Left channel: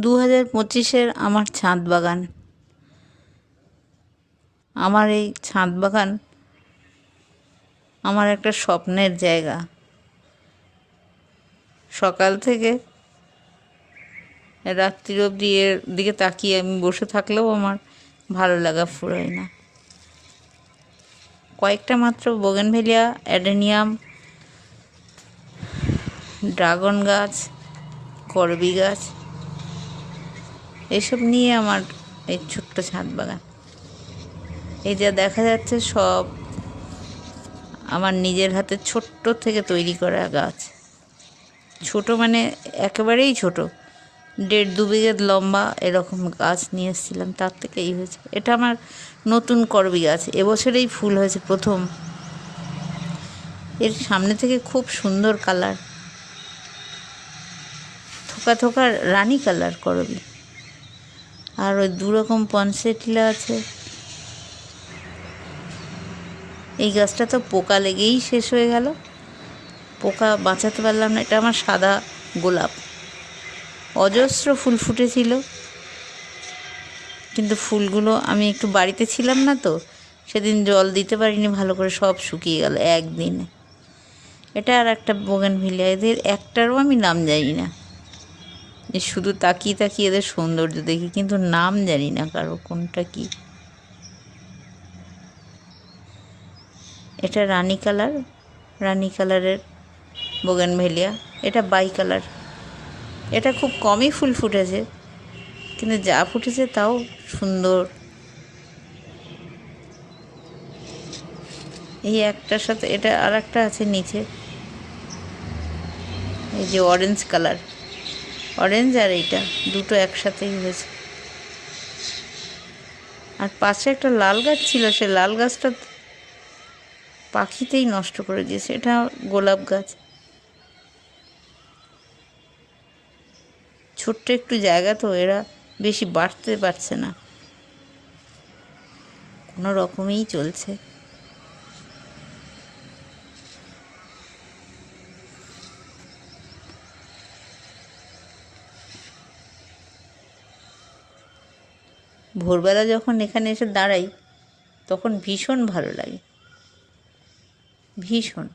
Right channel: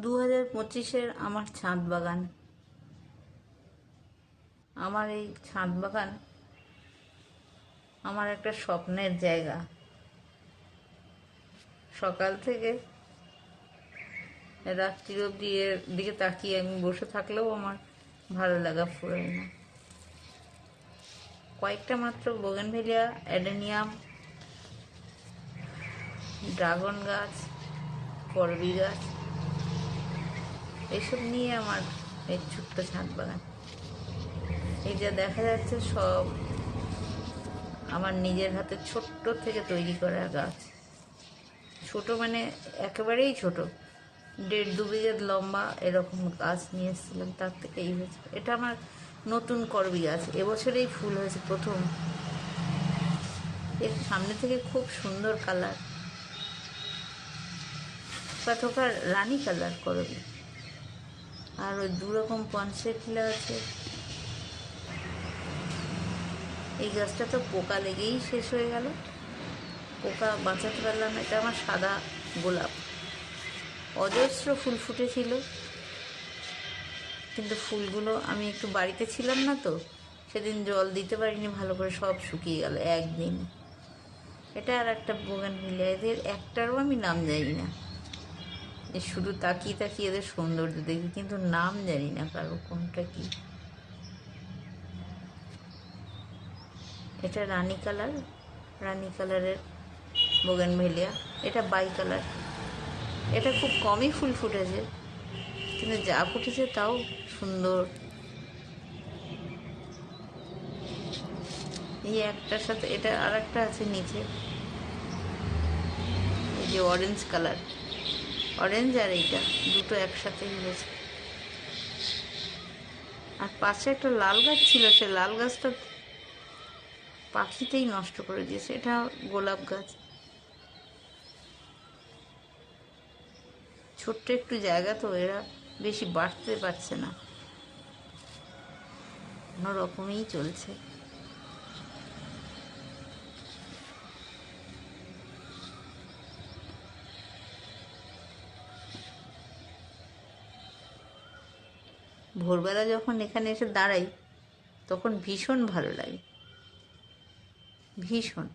দু হাজার পঁচিশের আমার ছাদ বাগান। আমার এই ছাদ বাগান আমার একটা স্বপ্নের জায়গা। সকাল থেকে রাত্রির অবধি এর দিকে তাকিয়ে আমি বসে থাকলেও আমার ভালো লাগা ফুরোয় না। কয়েকটা মাত্র বোগেনভেলিয়া অ্যাডেনিয়াম ড্রাগন গাছ করবি গাছ এসব নিয়ে আমার এই ছোট্ট ছাদ বাগান। এই যা দেখা যাচ্ছে সব আমার নিজের হাতে ছোট্ট থেকে তৈরি করা গাছ। ছোট মানে একেবারেই ছোট। দেড় দু বিঘে লম্বা এরকম গাছ নিয়ে এসেছিলাম, তার থেকে এই হয়েছে। এটা আমার নতুন করবি গাছ। এবছরেই ফুল হয়েছে প্রথম। এর সামনে থেকে খুব সুন্দর কালার। থোকা থোকা রানী কালার করবি। আর ওই দুরকম পনসেটিলা আছে। এই গাছটা তো পোকা লেগেই শেষ হয়ে গেল। পোকা বাঁচাতে পারলাম না, এটা আমার সাদা গোলাপ। অজস্র ফুল ফুটেছিল। কিন্তু ফুলগুলো আমি একটু বাড়িতে ছিলাম না তো, সেদিন জল দিতে পারিনি, ভালো করে সব শুকিয়ে গেল একদিনে। এটা আর একটা বোগান ভিলিয়া এদের একটারও আমি নাম জানি না। এ শুধু তাকিয়ে তাকিয়ে এদের সৌন্দর্য দেখি, কিন্তু নাম জানি না কারও কোনটা কি। এটা রানী কালার, রানী কালারের বোগানভেলিয়া। এটা বাই কালার। এটা খুব কমই ফুল ফুটেছে, কিন্তু যা ফুটেছে তাও সুন্দর। এই একটার সাথে, এটা আর একটা আছে নিচে। এই যে অরেঞ্জ কালার। অরেঞ্জ আর এইটা, দুটো একসাথেই হয়েছে। আর পাশে একটা লাল গাছ ছিল, সে লাল গাছটা পাখিতেই নষ্ট করে দিয়েছে। এটা গোলাপ গাছ। ছোট্ট একটু জায়গা তো, এরা বেশি বাড়তে পারছে না। কোনো রকমেই চলছে। ভোরবেলা যখন এখানে এসে দাঁড়াই তখন ভীষণ ভালো লাগে। ভীষণ।